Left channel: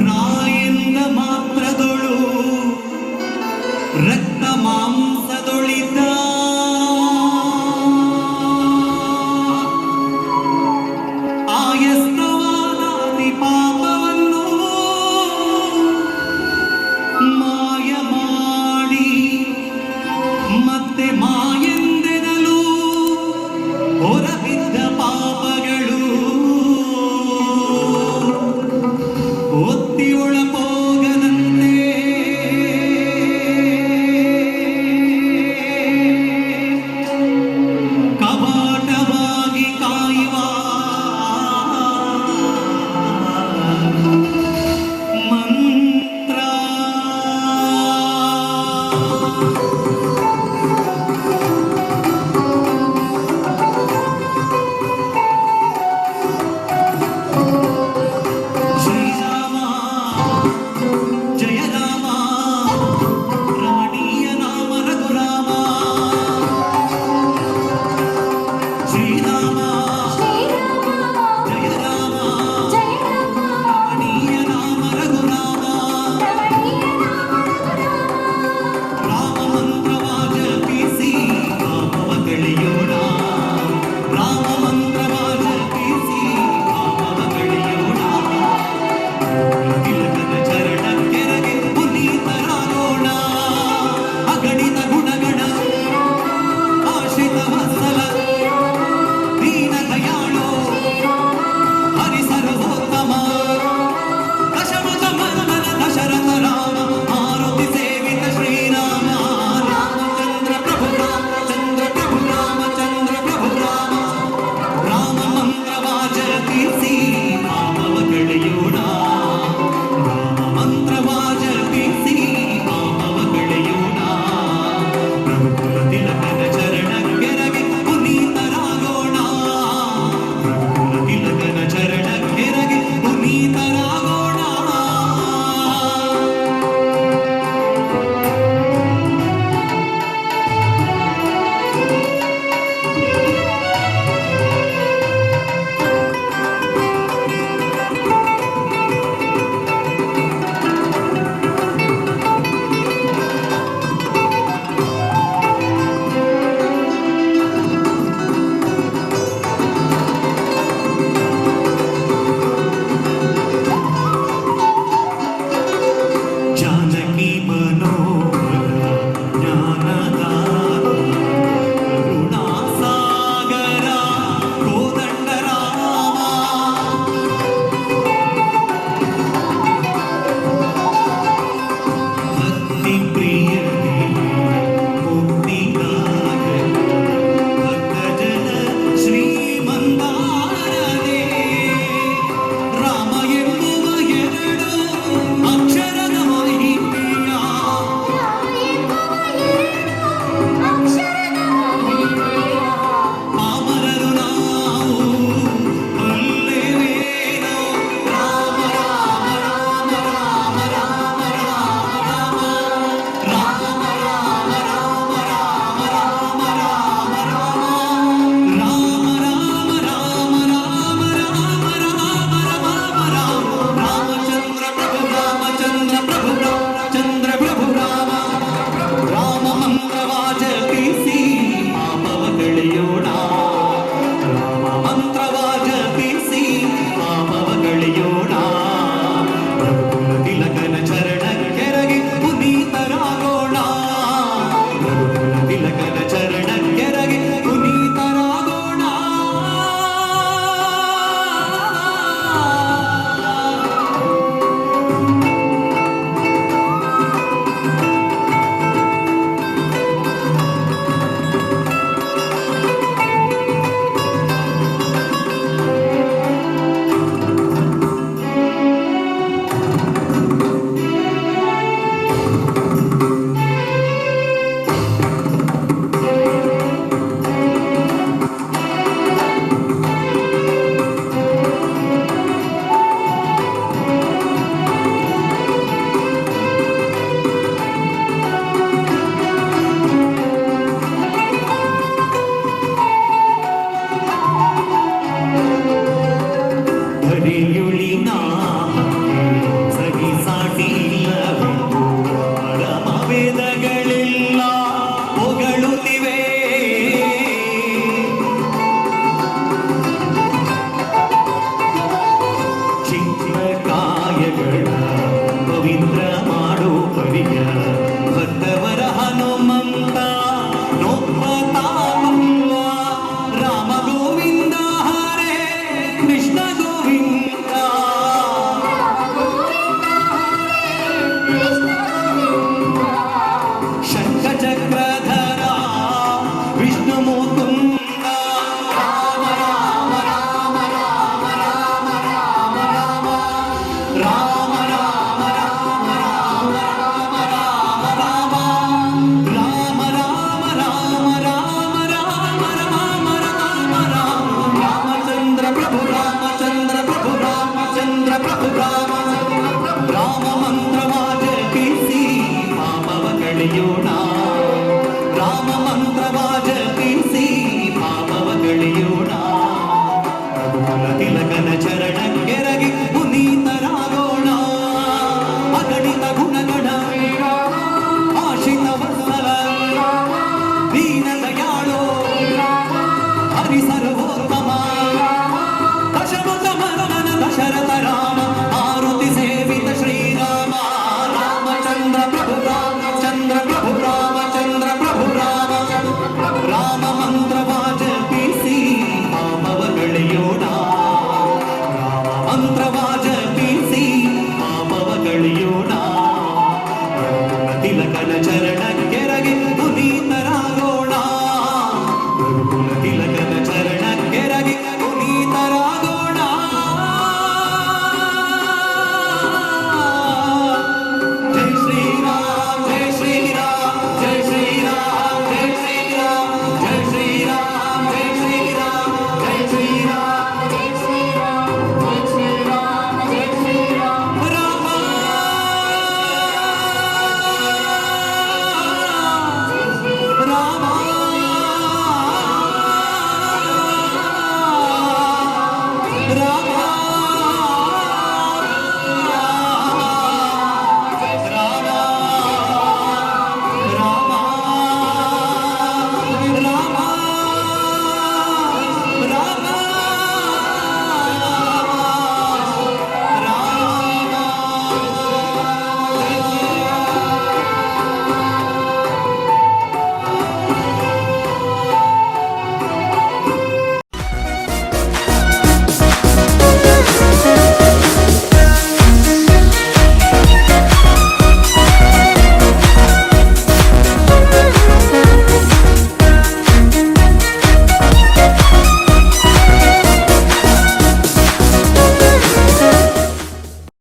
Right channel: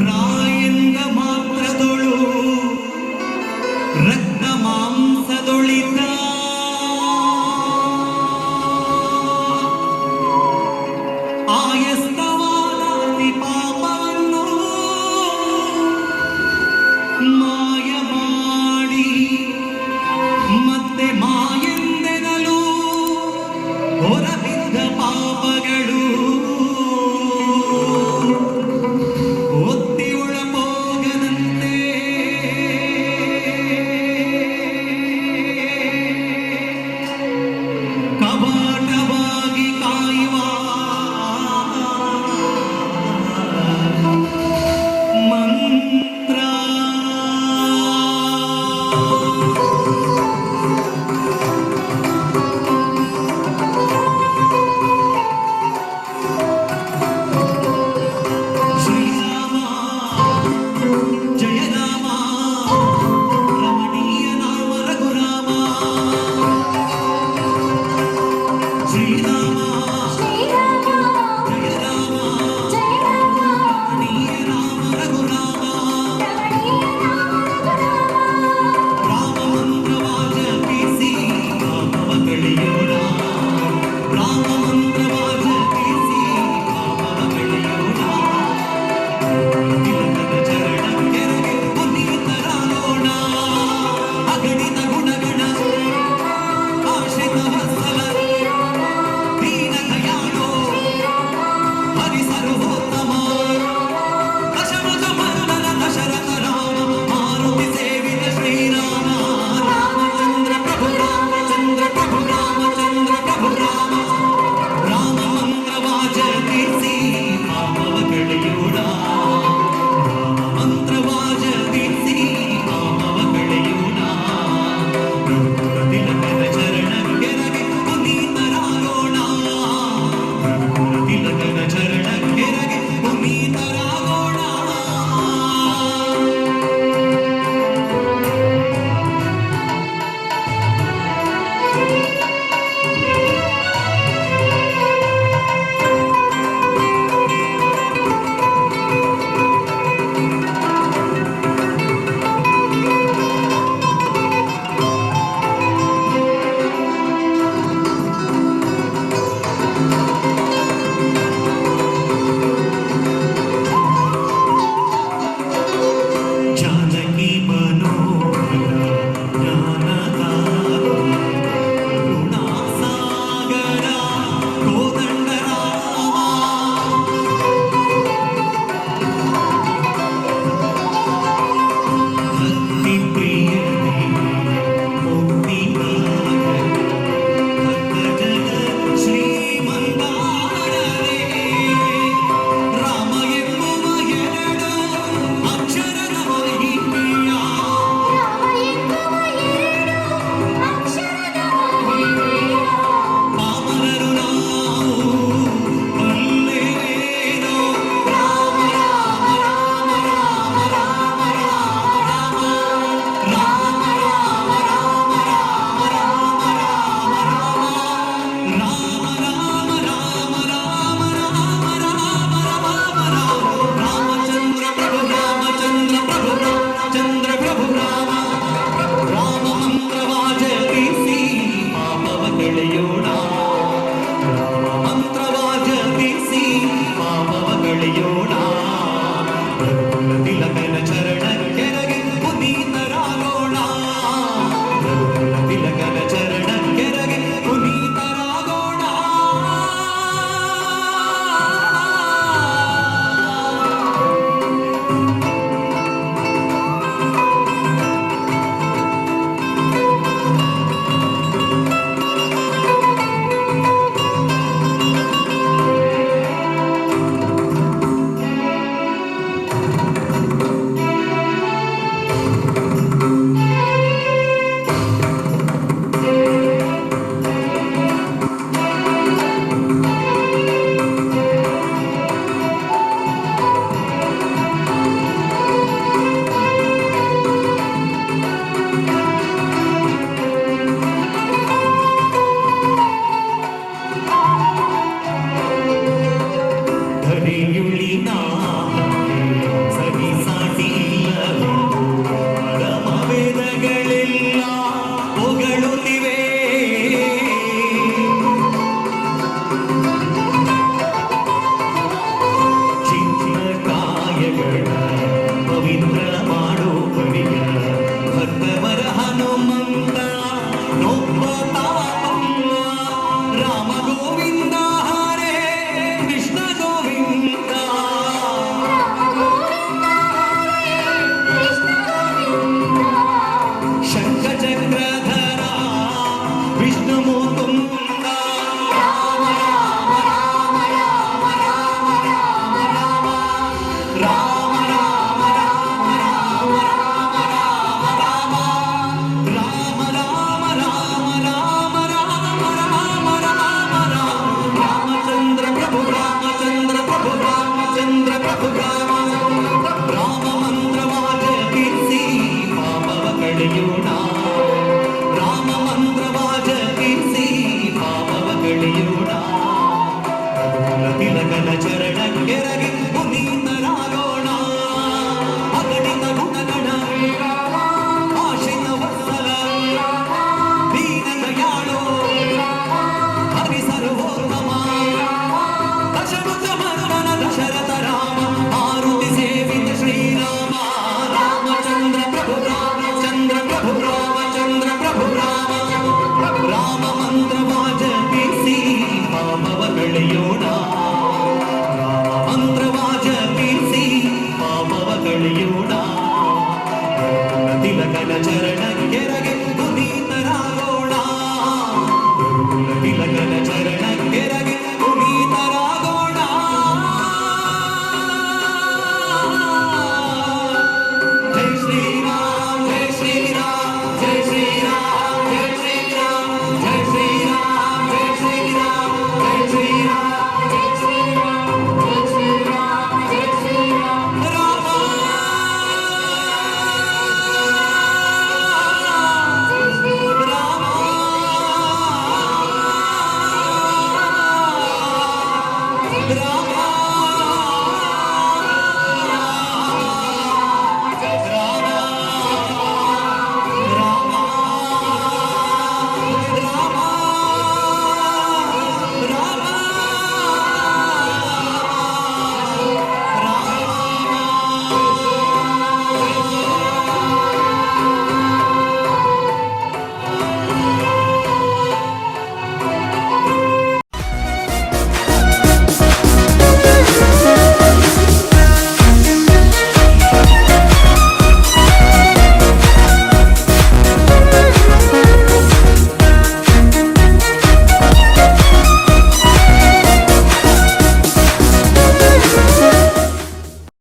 ರಾಯಿಂದ ಮಾತ್ರದೊಳು ರಕ್ತ ಮಾಂಸದೊಳಿತ ಆಯಸ್ತವಾದಿ ಪಾಪವನ್ನು ಮಾಯ ಮಾಡಿ ಮತ್ತೆ ಮಾಯೆಂದೆನಲು ಹೊರಬಿದ್ದ ಪಾಪಗಳು ಒತ್ತಿ ಒಳಪೋಗದಂತೆ ಕವಾಟವಾಗಿ ಕಾಯುವ ಮಂತ್ರ. ಜಯ ರಾಮ ರಮಣೀಯ ನಾಮ ರಘುರಾಮ ಶ್ರೀರಾಮ ಜಯ ರಾಮ ರಮಣೀಯ ನಾಮ ರಘುರಾಮ ರಾಮ ಮಂತ್ರವಾದ ಕೀರ್ತಿ ಪಾಪವ ಕಳೆಯೋಣ ರಾಮ ಮಂತ್ರವಾದ ಕೀರ್ತಿ ಪಾಪವ ಕಳೆಯೋಣ ತಿಲಕನ ಚರಣಕ್ಕೆರಗೆ ಪುನೀತರಾಗೋಣ ಅಗಣಿತ ಗುಣಗಣ ಆಶ್ರಿತ ವತ್ಸಲ ದೀನ ದಯಾಳೋ ಹರಿಸರ್ವೋತ್ತಮ ದಶರಥ ಮರ್ದನ ದಶರಥ ರಾಮ ಮಾರುತಿ ಸೇವಿತ ಶ್ರೀರಾಮ ರಾಮಚಂದ್ರ ಪ್ರಭು ರಾಮಚಂದ್ರ ಪ್ರಭು ರಾಮಚಂದ್ರ ಪ್ರಭು ರಾಮ ರಾಮ ಮಂತ್ರವಾಚ ಕೀರ್ತಿ ಪಾಪವ ಕಳೆಯೋಣ ಮಂತ್ರವಾಚ ಕೀರ್ತಿ ಪಾಪವ ಕಳೆಯೋಣ ರಘುಕುಲ ತಿಲಕನ ಚರಣಕ್ಕೆರಗಿ ಪುನೀತರಾಗೋಣ ರಘುಕುಲ ತಿಲಕನ ಚರಣಕ್ಕೆರಗಿ ಪುನೀತರಾಗೋಣ. ಜಾನಕಿ ಮನೋಹರ ಜ್ಞಾನದ ಕರುಣಾಸಾಗರ ಕೋದಂಡ ರಾಮ ಭಕ್ತಿ ಪ್ರಿಯನೇ ಮುಕ್ತಿದಾಯಕ ಭಕ್ತಜನ ಶ್ರೀಮಂದಾರನೇ ರಾಮ ಎನ್ನುವ ಎರಡು ಅಕ್ಷರದ ಮಹಿಮೆಯ ಪಾಮರರು ನಾವು ಬಲ್ಲೆವೇನೋ ರಾಮ ರಾಮ ರಾಮ ರಾಮ ರಾಮ ರಾಮ ರಾಮ ರಾಮ ರಾಮ ರಾಮ ರಾಮ ರಾಮ ರಾಮ ರಾಮ ರಾಮಚಂದ್ರ ಪ್ರಭು ರಾಮಚಂದ್ರ ಪ್ರಭು ರಾಮಚಂದ್ರ ಪ್ರಭು ರಾಮ ರಾಮ ಮಂತ್ರವಾಚ ಕೀರ್ತಿ ಪಾಪವ ಕಳೆಯೋಣ ರಾಮ ಮಂತ್ರವಾಚ ಕೀರ್ತಿ ಪಾಪವ ಕಳೆಯೋಣ ರಘುಕುಲ ತಿಲಕನ ಚರಣಕ್ಕೆರಗಿ ಪುನೀತರಾಗೋಣ ರಘುಕುಲ ತಿಲಕನ ಚರಣಕ್ಕೆರಗಿ ಪುನೀತರಾಗೋಣ. ಹರಿಯುಳಿ ನಾಮ ಚರಣ